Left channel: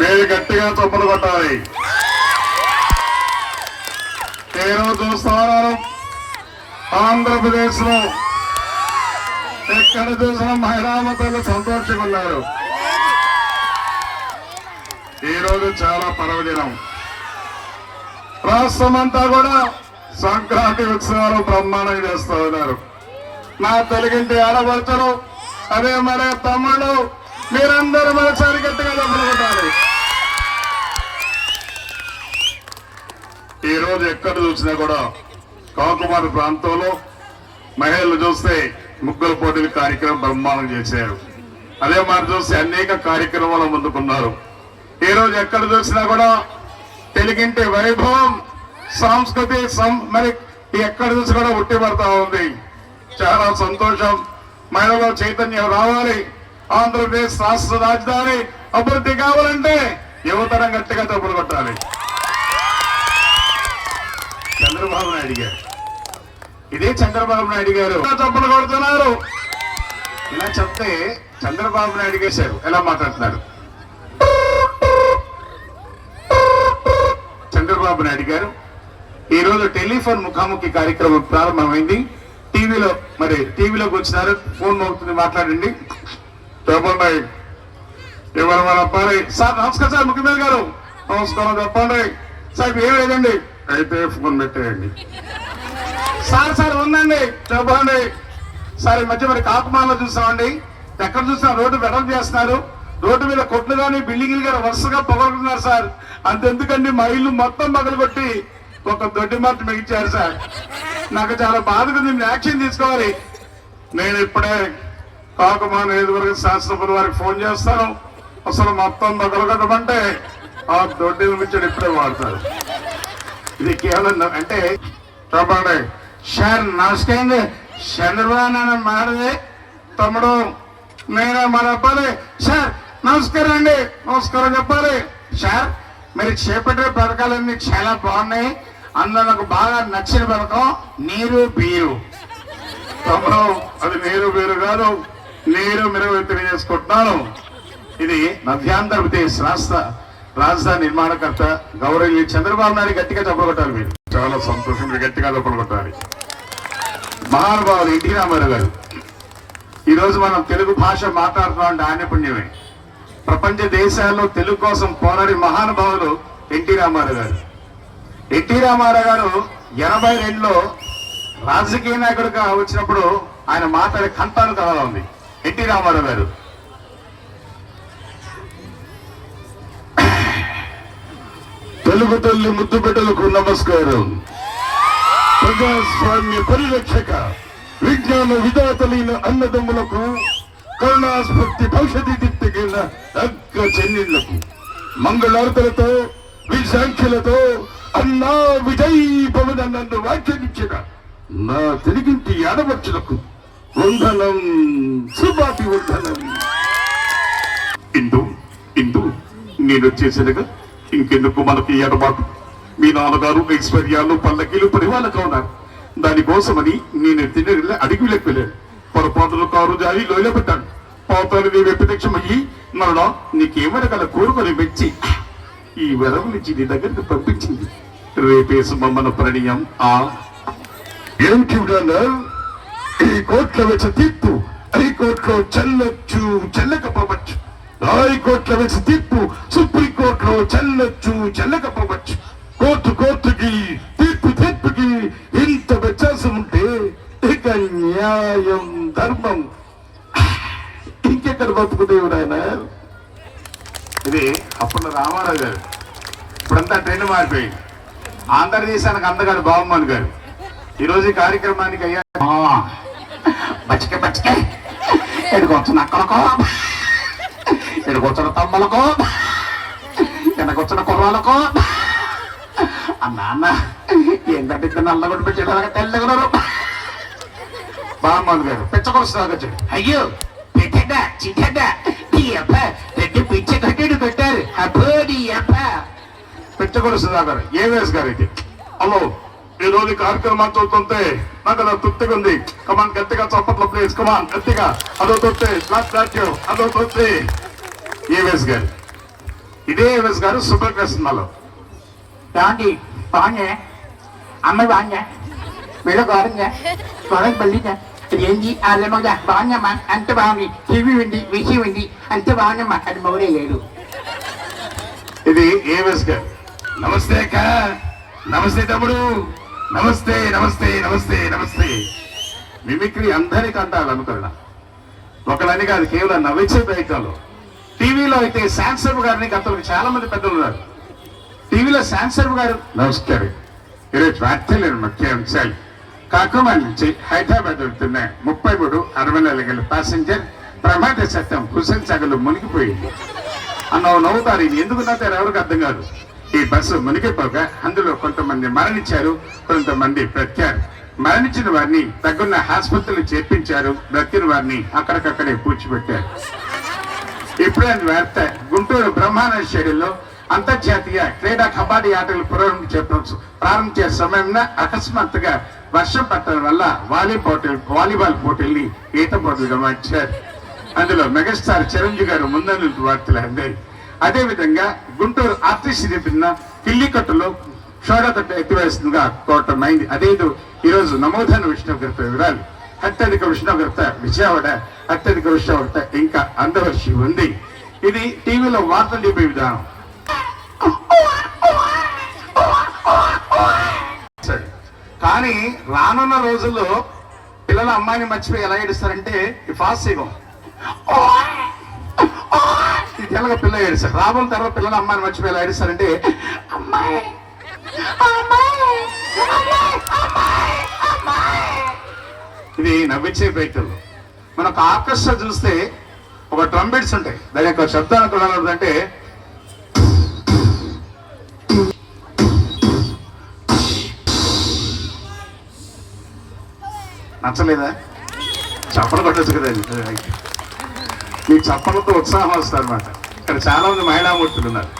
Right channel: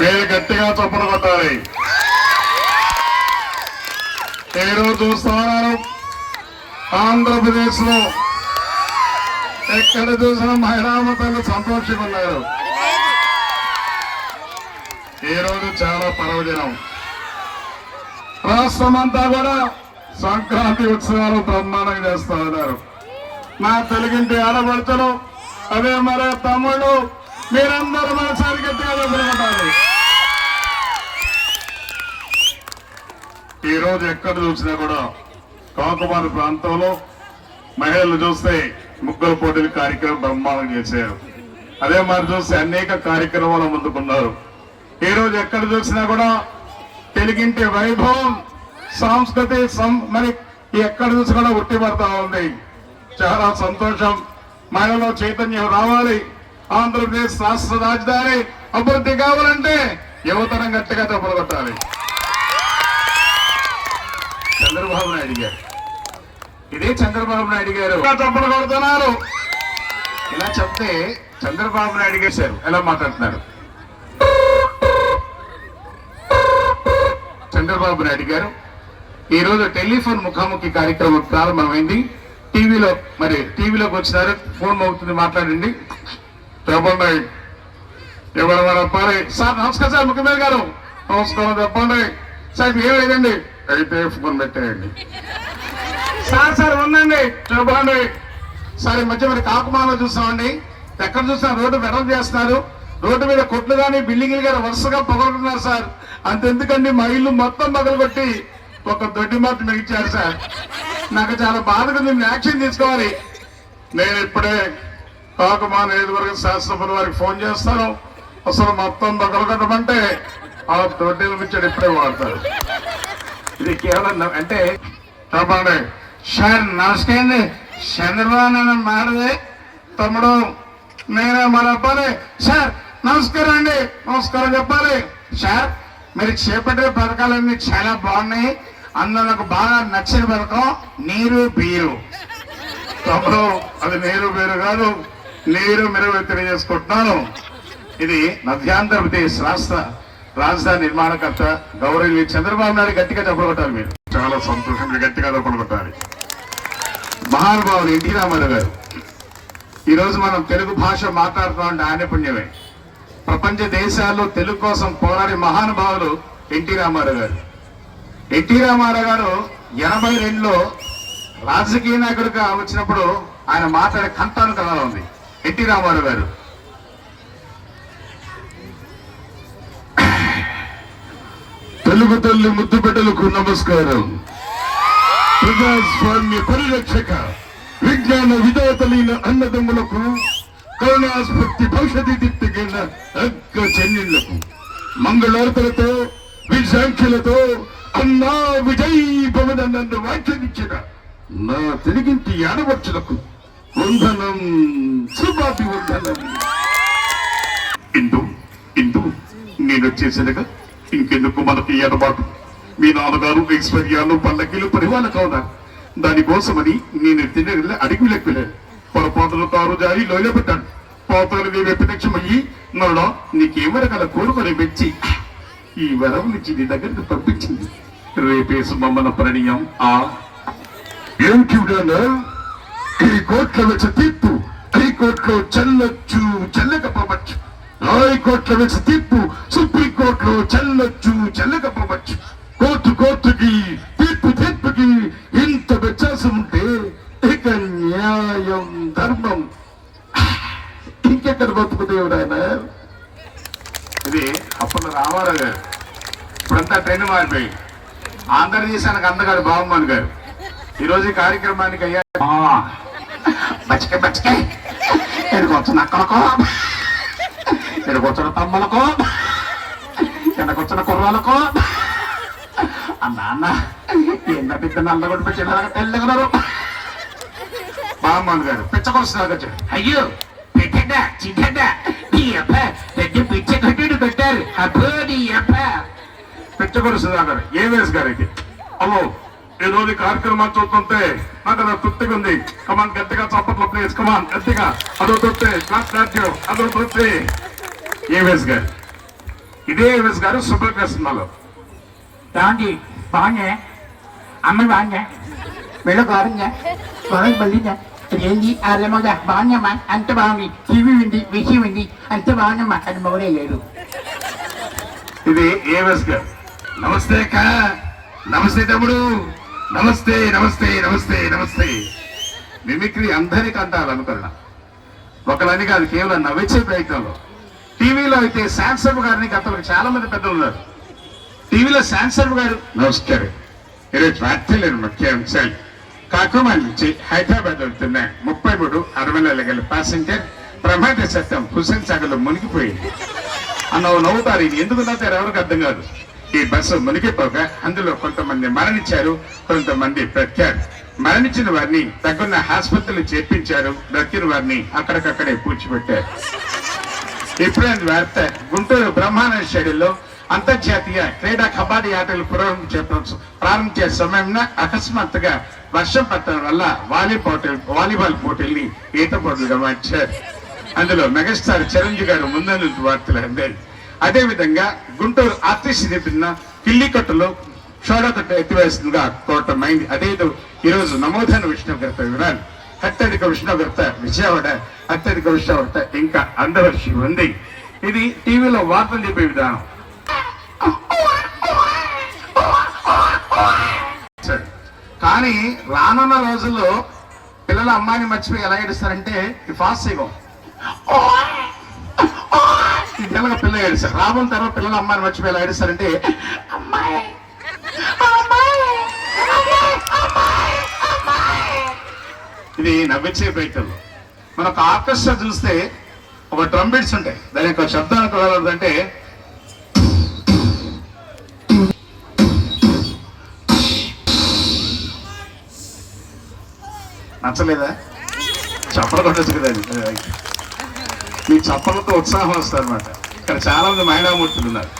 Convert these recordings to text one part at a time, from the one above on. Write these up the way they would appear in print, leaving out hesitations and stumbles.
మీరు గట్టిగా చప్పలు కొట్టాలి. నేను చూస్తా ఉన్నాను, ఆంధ్రప్రదేశ్ లో ఎక్కడ చూసిన మహిళామతలు సంతోషంగా ఉన్నారు. ఈరోజు చాలా పర్వదినం. రాష్ట్రం అంతా కూడా సంక్రాంతి ఉత్సవాలు బ్రహ్మాండంగా చేస్తూ ఉన్నారు. నా తెలుగింటి ఆడపడుచులు, అదే మరి తమ్ముళ్ళు, మీరందరూ మరోసారి గట్టిగా డబ్బులు కొట్టాలి. ఈ రోజు ఎక్కడ చూసినా కూడా కాకుమారి ప్రాంతంలో మహిళలు చూస్తే ముగ్గురు పోటీల కార్యక్రమం బ్రహ్మాండం చేశారు. అదే మరి చూస్తే అనేక కార్యక్రమాలు ముందుకున్నారు. ఈ రోజు ఎక్కడ చూసినా కూడా తెలుగింటి వైభవం, సంస్కృతి మరి ఎక్కడ చూసి కూడా ఉట్టి పడతా ఉంది. చాలా సంతోషం. మహిళలో చైతన్యం రావాలి. ఆంధ్రప్రదేశ్ రాష్ట్ర రాజధాని అభివృద్ధి కావాలంటే యువతరం గట్టిగా డబ్బులు కొట్టాలి. చంద్రబాబు నాయుడు గారు, ఇదే చంద్రబాబు నాయుడు గారు చప్పలు కొడుతున్నారు. ఇలా చెప్తే చంద్రబాబు నాయుడు గారు ఎలా మాట్లాడుతున్నారు? చంద్రబాబు నాయుడు గారు ఈ రోజు టెలిఫోన్ ముఖాముఖి కార్యక్రమం ప్రారంభమైంది. టీవీలోకి వచ్చినారు. ఫోన్ అవుతుంది, మాట్లాడండి. చెప్పండి, ఎవరు అప్పాలి సార్. నమస్కారం సార్, ముఖ్యమంత్రి గారు నమస్కారం. చెప్పండి సార్, ఏమైందండి? అయితే ఫోన్ పెట్టేయండి సార్. ఉందండి, చెప్పండి సార్. ఈ మధ్య మరి కాకుమాలో చూసామండి, ఎక్కడ చూసినా రోడ్డు వెడల్ చేస్తున్నారు. రోడ్డు మీద కొట్లు కానీ బిల్డింగ్లు కానీ వరుసగా పగలుతున్నారు సార్. అంతెందుకండి, మా ఇల్లు మొత్తం పగలు కొట్టి ఒక దొడ్డి మాట మిగిల్చారు సార్. నాకు చాలా బాధగా ఉంది. యాక్షన్ తీసుకోవాలి. నేను ఇప్పుడే కాకుమా నియోజకవర్గ శాసనసభ్యుల వారికి ఫోన్ చేస్తాను. అసలు మొత్తం పగలగొట్టమంటే ఆ దొడ్డి మిగిల్చాడు ఇప్పుడే వాడతారు. ఇది కేవలం అంటే చెప్పండి సార్. నమస్కారం. చంద్రబాబు నాయుడు మారది తమ్ముడు, నేను మరి అప్పాలి సార్. నమస్కారం అండి, నమస్కారం చెప్పాలి సార్. మీరు చేపట్టే పథకాలన్నీ చాలా బాగున్నాయి. అందులో నాకు బాగా నచ్చిన పథకం నీరు బీరు. తమ్ముడు, అది నీరు బీరు కాదు, నీరు మీరు తెలియజేసుకుంటున్నాను. ఇది మధ్యాంధ్రప్రదేశ్ రాష్ట్ర రాజధాని నిర్మాణకర్త గౌరవ చంద్రబాబు నాయుడు గట్టిగా చప్పలు కొట్టాలి. మీరు చాలా సంతోషం, మీరు గట్టిగా చప్పలు కొట్టాలి. మహానుభావులు ఎన్టీ రామారావు గారు. ఈరోజు మనం తెలుగు భాష మాట్లాడుతున్నామంటే ఆయన పుణ్యమే. ప్రపంచ దేశాల్లో తెలుగు కోసం పోరాడి మహానుభావులు ఎన్టీ రామారావు గారు. ఎన్టీ రామారావు గారు 82లో రాజకీయ నాయకుడిగా వచ్చినప్పుడు ఆయన మాట్లాడే కంఠాలు కావాలి. ఎన్టీ రామారావు గారు తెలుగు తల్లి ముద్దు బిడ్డలకు నమస్కారం. ప్రజాస్వామ్య పరిరక్షక విజ్ఞాన విధాతలైన అన్నదమ్ములకు, కరుణాస్ఫూర్తి భవిష్యత్తు దిట్టగిన అక్క చెల్లెళ్లకు మంగళార్తలతో విశాంఖ్యలతో అన్నా విజయ్ భవన నన్ను వ్యాఖ్యానించిన నా తెలుగింటి ఆడవచ్చులకు వందనం, శుభాటి వందనం. ఇందు నేను వచ్చేసినగా ఇంకెందుకు మనకి ఎడబాటు. మీ నాన్నగారు ఐశ్వర్యాలు పల్లకీలు పరివాళ్ళ కావున్నారు. దానికోసమని నేను తిన్న అడిగి లెక్కలేను. పొరపాటులు కారు జాయి లోయలో పెట్టాను. పోతాను నీ ప్రత్యక్షమయ్యి నరుడా నీకేమరగల కోరుకొని పెంచి ఈ వరం నుంచి నీ దగ్గరకు పంపించింది. రేపేసు మమ్మన ప్రణీయం. ఈ కోర్టులో వచ్చే తీర్పు హైకోర్టులో చెల్లొచ్చు, చెల్లకపోవచ్చు. హైకోర్టులో వచ్చే తీర్పు సుప్రీంకోర్టులో చెల్లొచ్చు, చెల్లకపోవచ్చు. కోర్టుకి తీర్పుకి ఇంత వ్యత్యాసం ఉంటే ఇక న్యాయం ధర్మం ఇంకెక్కడ బతుకు దేవుడు ఆయన. ఇది అప్పుడు రామారావు గారు. ఇప్పుడంతా ట్రెండ్ మారిపోయి ఆంధ్రదేశానికి అందగారు బాబుమోహన్ గారు. ఈరోజు ఈ కార్యక్రమానికి అయ్యా బచ్చికే ఎడుకొచ్చిన అక్కలకో, ఎడుకొచ్చిన తమ్ములకో, ఎడకొచ్చిన కుర్రాలకో అన్న ఏంటంటే ఇద్దరు నల్లగొట్టు పెట్టేలాగా తెల్లగలరు. బాబుమోహన్ గారు పిచ్చకొస్తాడు. అయ్యో పెట్టా చిట్టా ఈ అప్ప పెద్ద పిచ్చ కట్టేడు పెట్టారు. అబ్బో నీ అప్ప పిచ్చగొడు సుధాకర్ ఏవేస్ గారికి. అమ్మో ఈ రోజు కార్యక్రమాలు చూస్తుంటే నాకు నా తృప్తిగా ఉంది. కమాన్ గట్టిగా చప్పట్ల ప్లీజ్, కమాన్ గట్టిగా. అదో తొత్తే క్లాస్ స్టార్ట్, అదో తొత్తే ఏవేస్ గారు. ఇదే ఏవిఎస్ గారు సూపర్ సినిమాలో. ఏమండి బాగుందా? అమ్మ బాగుందా? మెడ బాగుందా? బాగా బలిగా ఏంటి అల్లమ్మగా బాగుందమ్మా, అంత బాగుంది. టీవీ ఉంది, విషయం ఉంది, అంత బాగుందమ్మా. అది మౌరే లేడు. ఇది ఏవిఎస్ గారు. నమస్తే అక్క, నమస్తే తమ్ముడు, నమస్తే నమస్తే నమస్తే నమస్తే. మిమిక్రీ అందరికీ అంటారు అనుకున్నా, ఒకళ్ళని కాదు, కేవలం నవ్వించే ప్రయత్నంలో. టీవీలో అయితే శాంసర్వ్ గారిని గతంలో చాలా మంది పెద్దలు ఉన్నారు. టీవీలో శాంసర్వ్ గారు నమస్కారం, ఈరోజు వార్తలేని ముఖ్యాంశాలు. కాకుమా నుంచి హైదరాబాద్ వెళ్తున్న 33 60 గల ప్యాసింజర్ ప్రమాద చట్టం హుసేన్ సాగర్లో మునిగిపోయింది అన్న నవ్వుతారు. ఇది ఎందుకు నవ్వుతారు ఎవరికి అర్థం కాదు. ఈ బస్సు మునిగిపోగా అందులో కొంతమంది మరణించారు, కొంతమంది బ్రతికారు. మరణించిన వారిని తగ్గున్న ఆసుపత్రులు చేర్పించారు, బ్రతికిన వారిని అక్కడికక్కడే పూడ్చిపెట్టారు. ఇప్పుడే వార్త, గుంటూరు బ్రహ్మానంద స్టేడియంలో అంతర్జాతీయ క్రీడా కబడ్డీ ఆటలు ప్రారంభించే సమయంలో అకస్మాత్తుగా వర్షం పట్టడం వల్ల వాలీబాల్ పోటీల్ని ఈత పోటీలుగా మార్చారు. అందులో మెగాస్టార్ చిరంజీవి గారు ముందు వార్తలు అందారు. అదేవిధంగా గుంటూరు ఆర్టీసీ చెప్పిన కిల్లికట్టులో షోడతట్ట ఎత్తివేస్తుందిగా కోటమైంది. అదే ఈరోజు నమోదైన ఉష్ణోగ్రత వివరాలు. అత్యధిక ఉష్ణోగ్రత విజయవాడ, అత్యధిక ఉష్ణోగ్రత ఇంకా అందవర్షి ఉంది. ఇది టీవీలో వార్తలు చెప్పే విధానం. కానీ రానున్న రోజుల్లో పిల్లల అమ్మాయిని మర్చిపోయి ఎలా ఏడుస్తారంటే ఫాస్ట్ సిగం తెలుగు పిల్ల ఏడుస్తారు. రాబోయే తర్వాత పిల్లల అమ్మాయిని మర్చిపోయి ఎలా ఏడుస్తారంటే అమ్మాయి. ఇది నవ్వించే ప్రయత్నం. మన ఒక ఆర్కెస్ట్రా చూస్తే ఒక ట్రంబెట్స్ ఉంటాయి, దాని యొక్క శబ్దానికి అంటే నచ్చలేదా? చప్పలు కొట్టచ్చు కదా. ఈ చప్పలతో ఉత్సాహం వస్తుంది అనమాట. ఇక్కడ చాలా మంది మహిళామూర్తులు ఉన్నారు.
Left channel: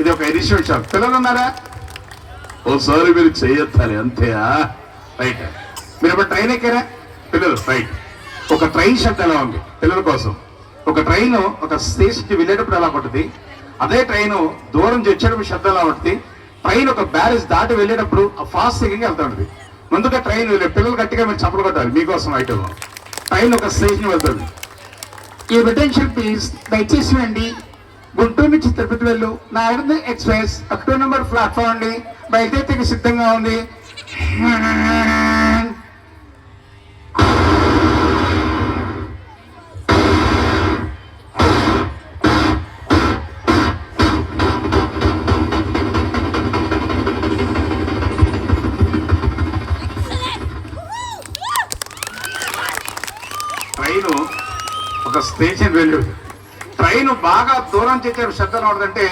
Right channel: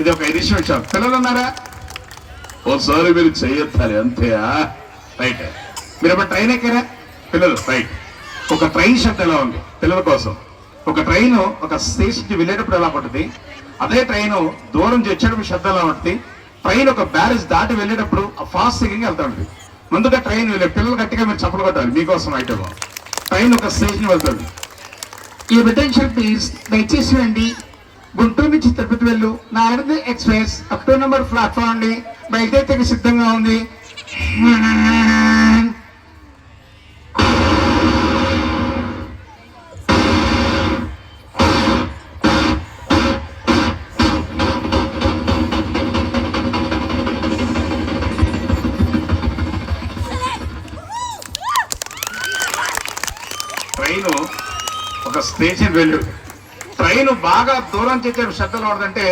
ఇది ఒక ఎడిషన్ షాప్. పిల్లలు ఉన్నారా? ఓసారి మీరు చేయొత్తాలి అంతే. రైట్. మీరు ఒక ట్రైన్ ఎక్కారా పిల్లలు? రైట్. ఒక ట్రైన్ శబ్దం ఎలా ఉంది పిల్లల కోసం? ఒక ట్రైన్ ఒక స్టేషన్కి వెళ్ళేటప్పుడు ఎలా ఉంటుంది, అదే ట్రైన్ దూరం నుంచి వచ్చేటప్పుడు శబ్దం ఎలా ఉంటుంది. ట్రైన్ ఒక బ్యారేజ్ దాటి వెళ్ళేటప్పుడు ఫాస్ట్ సిగ్గింగ్ వెళ్తుంది. ముందుగా ట్రైన్ వెళ్ళే పిల్లలు గట్టిగా మీరు చప్పలు కొట్టాలి మీకోసం. అయితే ట్రైన్ ఒక స్టేషన్ వెళ్తుంది. ఈ రిటెన్షన్ ప్లీజ్ దయచేసి అండి. గుంటూరు నుంచి తిరుపతి వెళ్ళు నారాయణ ఎక్స్ప్రెస్ 1 నెంబర్ ప్లాట్ఫామ్ అండి, బయలుదేరికి సిద్ధంగా ఉంది. ట్రైను ఒక స్టేషన్ వెళ్ళు. ట్రైన్ బాగా దూరం చేసే శబ్దం ఉండదంటే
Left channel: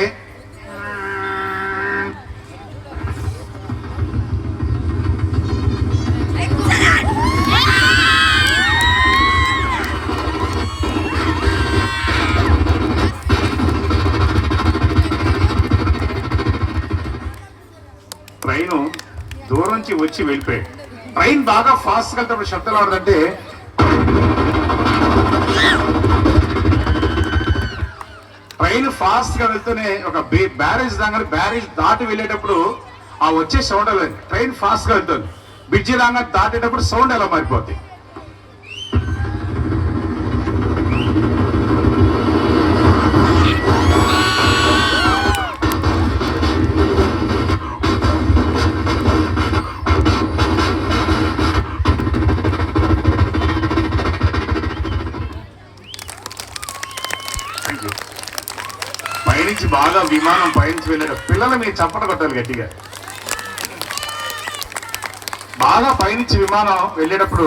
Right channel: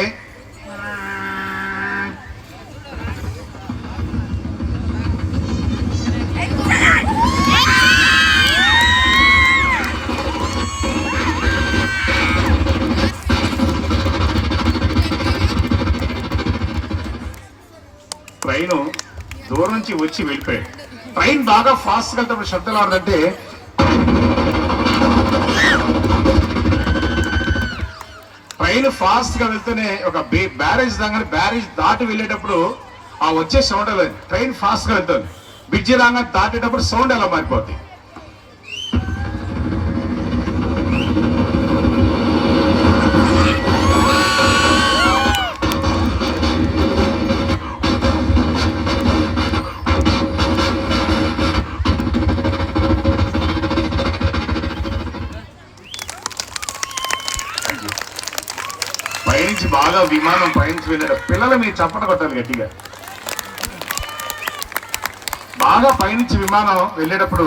ట్రైన్ దూరం నుంచి వచ్చి వెళ్ళిపోయాడు. ట్రైన్ బాగా ఫాస్ట్ వెళ్తే శబ్దం ఉండదంటే ట్రైన్ ఫాస్ట్ గా వెళ్తూనే ఒక బ్యారేజ్ దగ్గర బ్యారేజ్ దాటి వెళ్ళేటప్పుడు ఆ వచ్చే సౌండ్ అలా. ట్రైన్ ఫాస్ట్ గా వెళ్తుంది, బ్రిడ్జి రాగా దాటేటప్పుడు సౌండ్ ఎలా మారిపోద్ది. పైనుంచి బాగా విమానం పైనుంచి వెళ్ళారు పిల్లలు మీరు చప్పట కొట్టాలి గట్టిగా. బాగా పైనుంచి విమానం వెళ్ళేటప్పుడు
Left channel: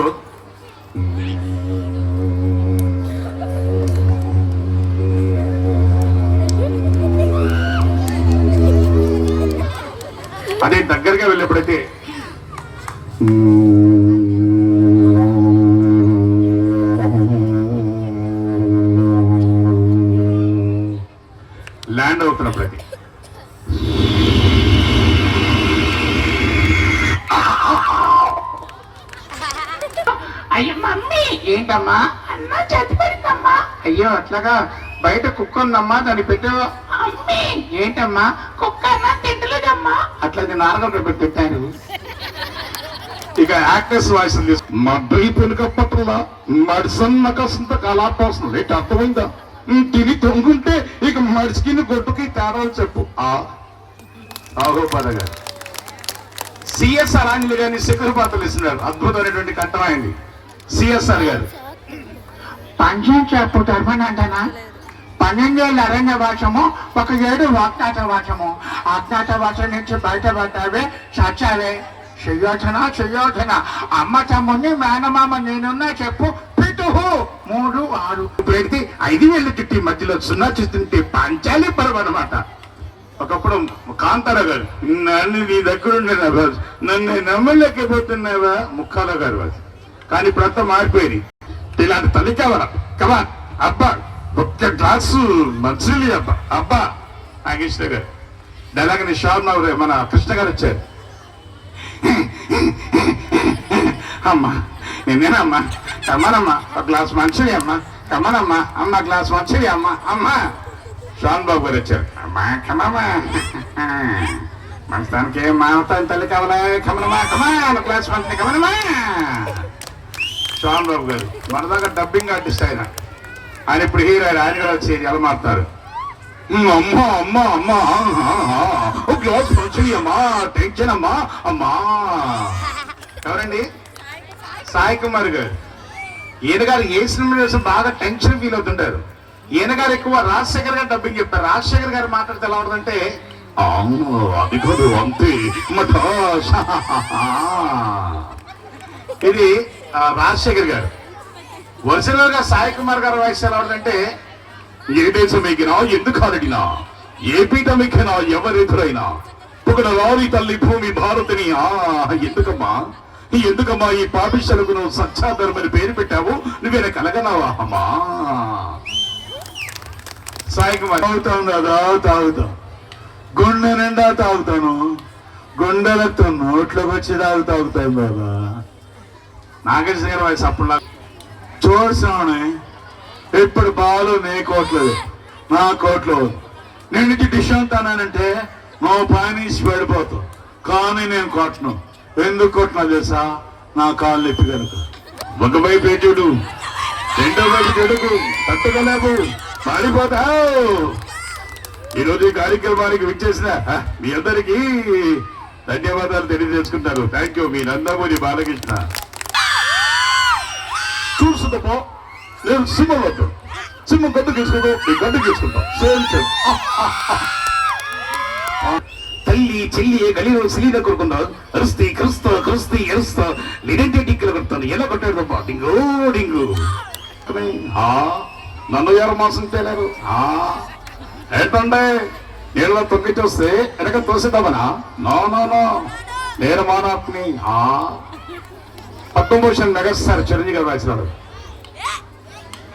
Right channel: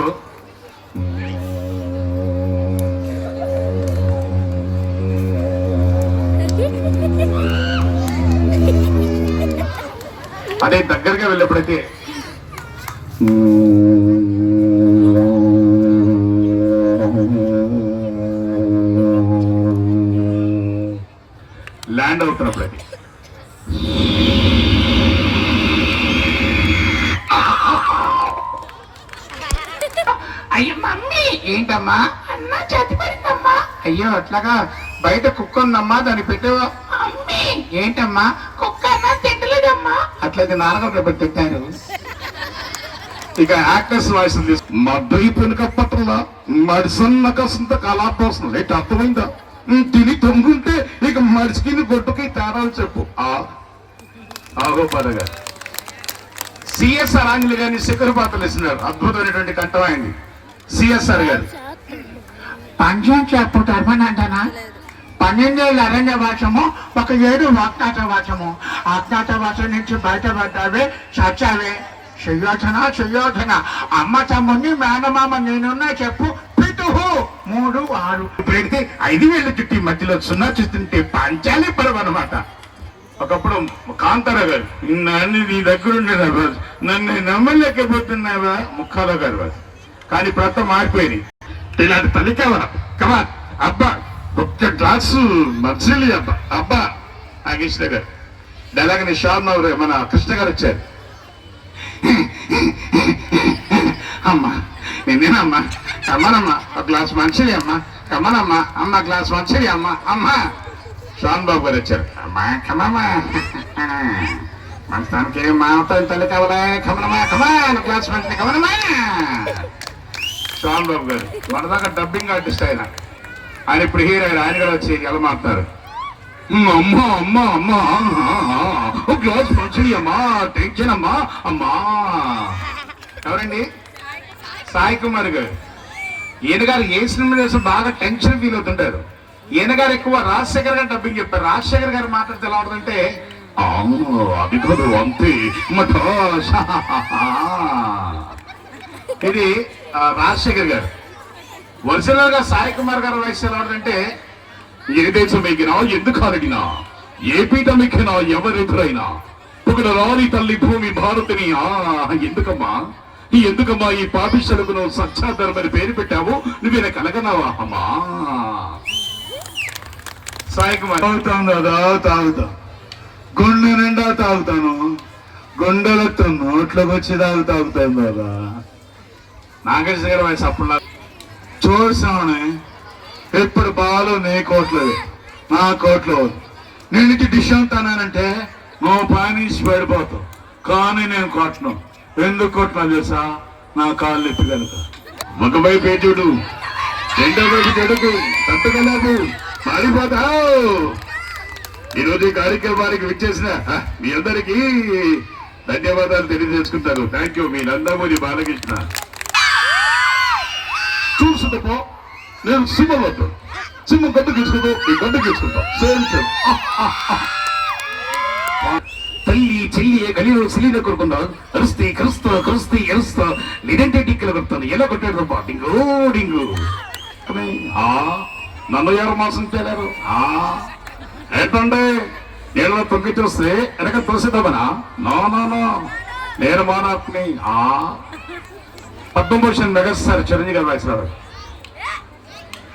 అదే దగ్గరగా వెళ్ళేప్పుడైతే ల్యాండ్ అవుతున్నప్పుడైతే అమ్మా అన్న చేతి పడిందమ్మా. అయ్యో అట్లాగా బయట కుక్క ఉందమ్మా దాన్ని పెట్టు. ఏంటమ్మా కుక్క తిట్టలేదమ్మా. అట్లయితే నాన్నగారు పెట్టి తిట్టారు. ఇక యాక్టర్స్ వాయిస్ మా బైపులు కప్పట్లా మడిసన్న కసంత కలాపోసం ఏంటి అర్థమైందా? తిని తొంగుంటే ఇక మడిసికి గొడ్డుకి తేడాలు చెప్పు. ఆహో పదగా సిఎస్ఆర్ ఆంజలి గారిని శిఖర పాత్రలు ఇస్తున్నారు. అద్భుతమైనటువంటి కంఠం అయింది సిఎస్ఆర్ గారు. పంచం చెప్పు తప్పనంటానా? 12 ఏళ్ళ అరణ్య వాసము, 1 ఏడు అజ్ఞాత వాసము. అజ్ఞాత వాసం నుంచి బయటపడ్డావే, చచ్చావే. సుయోధన అమ్మ తమ్ముడిని మేనమామ నేనున్నా చెప్పు. పిటుహు 3 6 పెడితే 5 వేలు చుట్టి మధ్యలో 0 చూస్తుంటే పంచాలి పడవ అనమాట. ఒకప్పుడు కాంతారా గారు నన్ను నీ దగ్గర ఉండేదా బాజు, నన్ను నమ్మలేకపోతున్నావా ముక్కాల గారు బాజు. కానీ ప్రతి మారిపోయింది. ఇలాంటి తల్లికేవరా కమా అబ్బా 1 గ్లాసు మంచినీళ్ళు అబ్బా అబ్బా నాగేశ్వర గారు. అలాగని షార్మ మన కృష్ణ గారు వచ్చారు. అమ్మా నేనేనమ్మా కమ్మనమ్మా 1 గ్లాస్ మంచిది అమ్మా కమ్మనమ్మా. అమ్మ గ్లాస్ మంచిది అమ్మా. అమ్మా శ్యామ్ బాబు గారు వచ్చారు. అమ్మా కమ్మమ్మా మనస్తానికి మాతో తల్లి కావాలా కమలమ్మా కమా 1 గ్లాస్ మంచిది కమలమ్మా. శ్యామ్ బాబు గారు మన దగ్గర డబ్బింగ్ ఆర్టిస్ట్ ఆయన ఇప్పుడు హీరో ఆయన కూడా వచ్చి ఎలా మారుతారు. అమ్మా అమ్మా అమ్మా 1 గ్లాస్ మంచిది అమ్మా టెన్షన్ అమ్మా అమ్మా. ఎవరండి? సాయి కుమార్ గారు. ఈయన గారు ఏ సినిమా చేసి బాగా టెన్షన్ ఫీల్ అవుతుంటారు. ఈయన గారు ఎక్కువ రాజశేఖర్ గారు డబ్బింగ్ చెప్తారు. రాజశేఖర్ గారు మాట్లాడితే ఎలా ఉంటుందంటే అది కాదు అంతే. ఇది రాజశేఖర్ గారు. ఒరిజినల్ గా సాయి కుమార్ గారు వాయిస్ ఎలా ఉంటుందంటే ఏ దేశం ఎక్కినా ఎందుకు అడిగినా ఏ పీఠం ఎక్కినా ఎవరెదురైనా ఒకడు రాని తల్లి భూమి భారతిని. ఎందుకమ్మా ఈ పాపిష్యులకు నువ్వు సత్యాధరం అని పేరు పెట్టావు, నువ్వేనా కలగనావా అమ్మా. సాయి కుమార్ తాగుతాను కదా తాగుతా, గుండె నిండా తాగుతాను, గుండెలతో నోట్లోకి వచ్చి తాగుతాను కదా. నాగేశ్వర గారు వాయిస్ అప్పుడు చూసామని ఇప్పుడు బాలు నీ కోట్లేదు నా కోట్లు. నేను ఇటు డిష్ అంటానంటే నువ్వు పానీసి పడిపోతావు. కానీ నేను కొట్టను. ఎందుకు కొట్టినా తెలుసా? నా కాళ్ళు ఎత్తి కనుక. ఒకవైపు చూడు, రెండో వైపు చెడుకు తట్టుకోలేవు, మారిపోతావు. ఈరోజు ఈ కార్యక్రమానికి విచ్చేసిన మీ అందరికీ ధన్యవాదాలు తెలియజేసుకుంటారు. Thank you. మీ నందమూరి బాలకృష్ణ. చూస్తుందో నేను సింహంలో సింహం గడ్డు తీసుకుంటూ ఈ గడ్డు తీసుకుంటాం. Same same. తల్లి చెల్లి గలిలో సిలిన కొడుకున్నావు. అరుస్తే కరుస్తా కరుస్తే ఎరుస్తా లేదంటే టిక్కలు కొడుతాను. ఎలా కొట్టాడు డింగు డింగు. నన్ను ఎవరు మోసం చేయలేరు. ఏంటంటే నీళ్ళలో తొక్కి చూస్తే వెనక తోసేద్దామనా? నో నేను మానాత్ని. పద్మభూషణ్ మెగాస్టార్ చిరంజీవి గారు రాసినారు.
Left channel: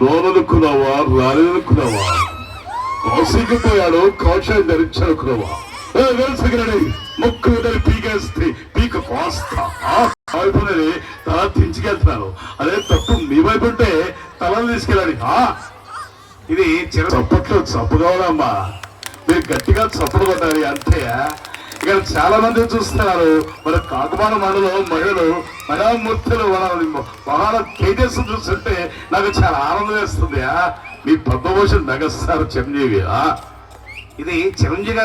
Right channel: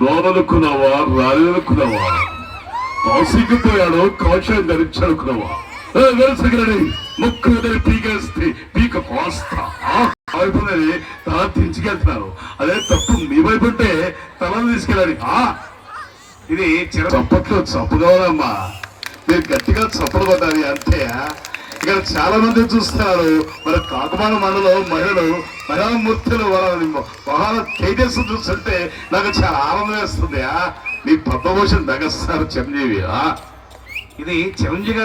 లోనలుక్కున్నావా రాలేనుకున్నావా, కాసిపోయాడు కాషాయం ధరించానుకున్నావా, ముక్కు పీకేస్తే పీక పోస్తా అయిపోయినది దించుకెళ్తున్నాను. అదే తప్పు మీ వైపు ఉంటే తలను తీసుకెళ్ళాలి. ఇది చప్పట్లు చప్పుకోవాలమ్మా, మీరు గట్టిగా చప్పుడు పడ్డాలి అంతే. ఇక్కడ చాలా మంది చూస్తున్నారు. మన కాకుమాన మండలం మహిళలు మయామూర్తులు వాళ్ళ తేజస్సు చూస్తుంటే నాకు చాలా ఆనందం వేస్తుంది. మీ పద్మభూషణ్ మెగాస్టార్ చిరంజీవి. ఇది చిరంజీవి గారు